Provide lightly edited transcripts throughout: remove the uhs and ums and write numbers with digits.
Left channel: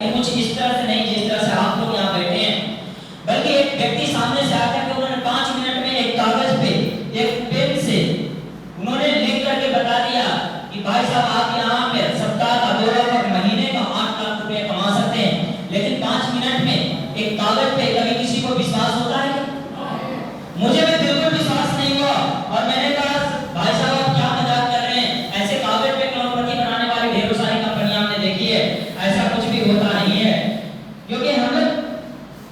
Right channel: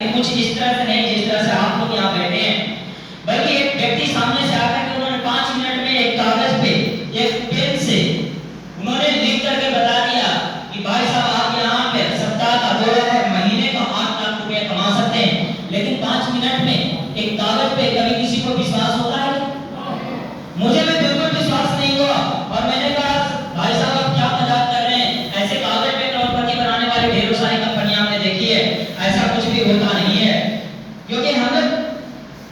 कुछ इस तरह से नहीं जिस तरह से आप लोग यहाँ बैठे हैं, बल्कि एक व्यक्ति सामने से आकर के उन्होंने 5 मिनट में एक कागज पे एक पेन से उन्होंने लिख करके बता दिया कि भाई साहब आप यहाँ पे सप्ताह का 2 लाख और महीने का 8 लाख रुपए कमा सकते हैं। लेकिन 5 मिनट में एक कागज पे कभी किसी को विश्वास होता है? मुझे भी बिल्कुल विश्वास नहीं हुआ और मैंने कहा भाई साहब आप क्या मजाक कर रहे हैं, ऐसे कागज पे करोड़पति बनाने वाली ढेरों सारी कंपनियां हमने देखी है, ऐसा कुछ भी होता नहीं है। क्योंकि हम लोग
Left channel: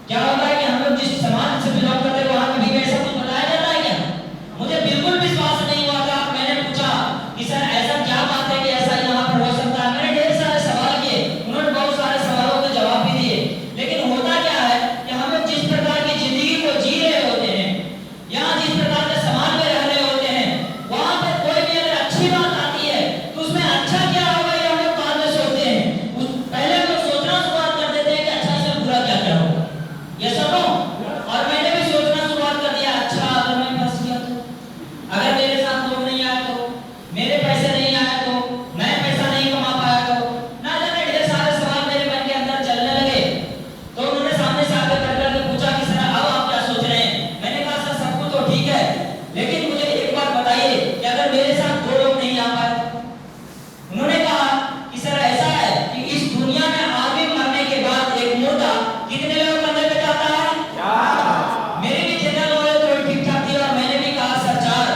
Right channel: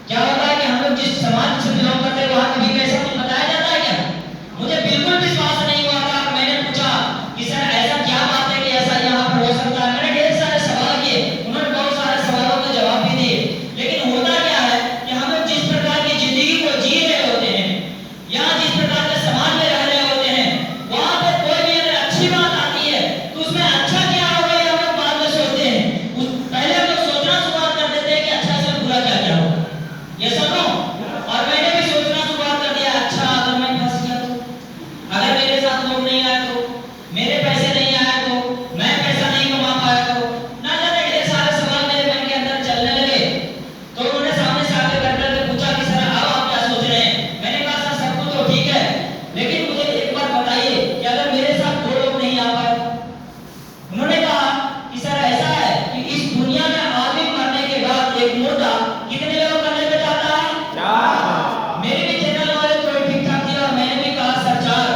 क्या होता है कि हम लोग जिस समाज से बिलोंग करते हैं वहां कभी भी ऐसा कुछ बताया जाता है क्या? मुझे बिल्कुल विश्वास नहीं हुआ था। मैंने पूछा कि सर ऐसा क्या बात है कि ऐसा यहाँ पर हो सकता है। मैंने ढेर सारे सवाल किए, उन्होंने बहुत सारे सवालों के जवाब भी दिए। लेकिन होता क्या है कि हम लोग जिस प्रकार की जिंदगी को जी रहे होते हैं या जिस प्रकार के समाज में रह रहे होते हैं, वहां पे कोई भी अगर अच्छी बात आती है तो उसमें अच्छा क्या होगा ये हम लोग बाद में सोचते हैं। पहले हम लोग सोचना शुरुआत कर देते हैं कि अच्छा इसमें बुरा क्या क्या होगा, ये सुनो। और मैंने भी सोचना शुरुआत कर दिया, अच्छा अगर मैं फंस गया तो, अगर मेरे साथ लोग नहीं आए तो, मेरे पैसे नहीं आए तो, मैं पैसा नहीं कमा पाया तो, ना जाने ढेर सारे सवाल मेरे मन के अंदर चलने लगे। तो उन्होंने सामने से आकर करके पूछा कि सर अब आप क्या सोच रहे हैं? मैंने कहा सर सब कुछ तो ठीक है, लेकिन मुझे एक बात बताइए कि अगर मेरे साथ 2 लोग नहीं आ पाए। उन्होंने कहा कि सर ऐसा है कि इस दुनिया में आदमी मरने के बाद एक मुर्दा कितने लोग करने पे जाता है? मेरी भी जनरल नॉलेज थोड़ी ठीक ठाक थी और मैंने भी कहा सर 4।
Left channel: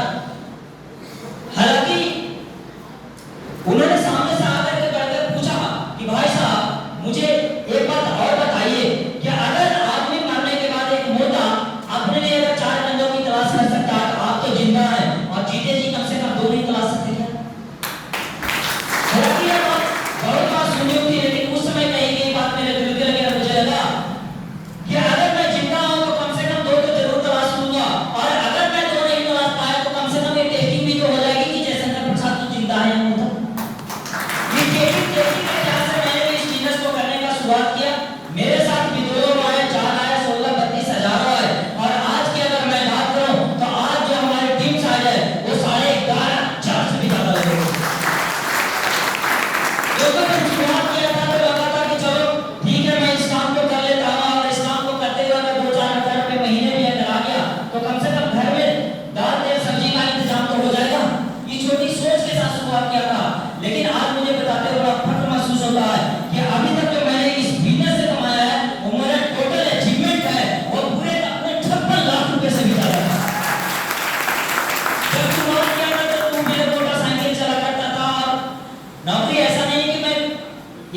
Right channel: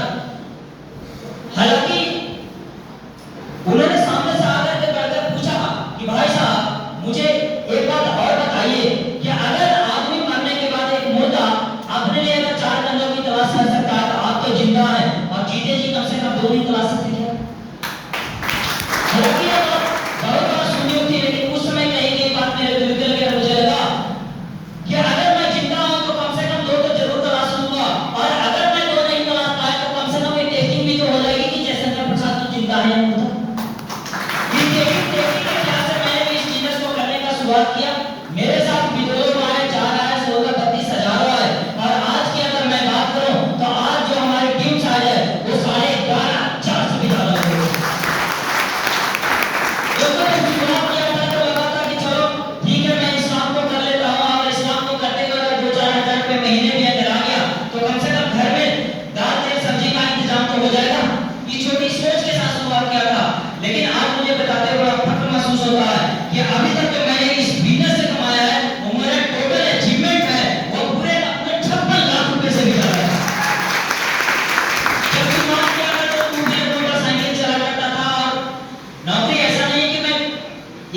हालांकि उन्होंने सामने से आकर के करके पूछा कि भाई साहब मुझे एक बात और बताइए कि अगर आदमी मरने के बाद एक मुर्दा अपने लिए अगर 4 बंदों की तलाश कर सकता है तो आप तो जिंदा है और जीते जी कम से कम 2 नहीं तलाश सकते क्या? हालांकि ये बहुत बात सुनी हुई थी, लेकिन उस समय कही गई बात मेरे दिल के लगे। मुझे लगा कि अगर मैं जिंदा हूं तो कम से कम 2 तो जरूर तलाश लूंगा, और अगर मैं 2 नहीं तलाश पाया तो कम से कम एक टेस्टिंग भी तो हो जाएगी कि जयशंकर प्रसाद तो जिंदा है या मुर्दा। ये टेस्टिंग के ख्याल से मैंने भी इस बिजनेस को करने का शुरुआत किया। मेरे साथ भी 2 लोग आए, 4 आए, 16 32 हजार आए। और आज की अगर मैं बात करूं तो आज जो हमारी टीम साइज है वो 11.5 से भी ज्यादा लोग हैं। क्योंकि मैं शुरुआत किया था तो लगा था कि चलो ठीक है मैं इस काम को कर लेता हूँ, और इस काम को करते हुए अगर 2-4 हजार रुपये महीने भी अगर आ गया तो कम से कम घर में दाल तेल सब्जी का इंतजाम तो हो जाएगा। ये छोटी सोच के साथ शुरुआत किया था, लेकिन आज मुझे बताते हुए फख्र महसूस होता है कि अभी तक जो मैंने इस बिजनेस से कमाया है वो मेरा टोटल अचीवमेंट है वो पूरे 56 लाख रुपए से भी ज्यादा है। जब शुरुआत किया था तो मुझे मोटरसाइकिल चला करता था और नौकरी ऐसा नहीं कि मैं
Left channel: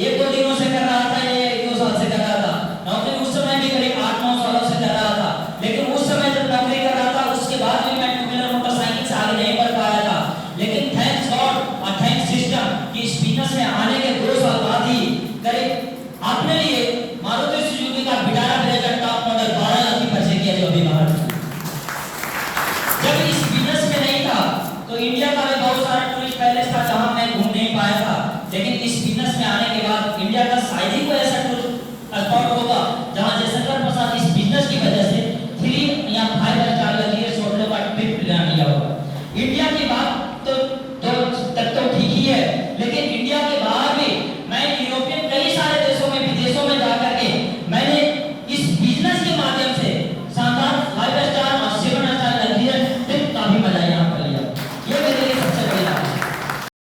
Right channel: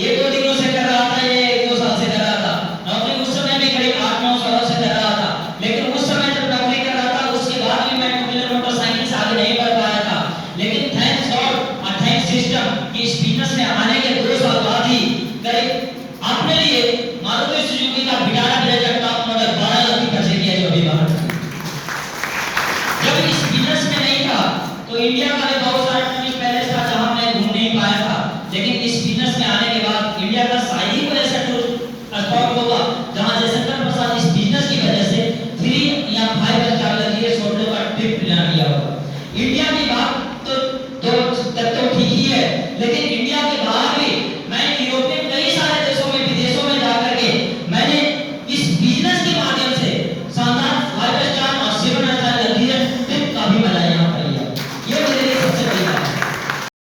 1-2 दिनों से कर रहा था या 1-2 साल से कर रहा था। नौकरी उस समय भी करीब 8-9 सालों से कर रहा था, लेकिन उस समय जब नौकरी कर रहा था उसके बाद भी मैं 2 व्हीलर मोटरसाइकिल से आगे नहीं बढ़ पाया था। लेकिन थैंक्स गॉड और थैंक्स सिस्टम कि इस बिजनेस में आने के 2 साल बाद ही करीब अपने लिए मारुति सुजुकी का Vitara blazer top model 12 lakh की परचेज किया जो अभी बाहर है। जब इस बिजनेस में नहीं था तो इंडिया का भी बहुत सारा टूरिस्ट पैलेस था जहां मैं घूम नहीं पाया था, लेकिन इस बिजनेस में आने के बाद इंडिया का शायद ही कोई ऐसा टूरिस्ट स्पॉट होगा जहां जयशंकर प्रसाद इस बिजनेस की वजह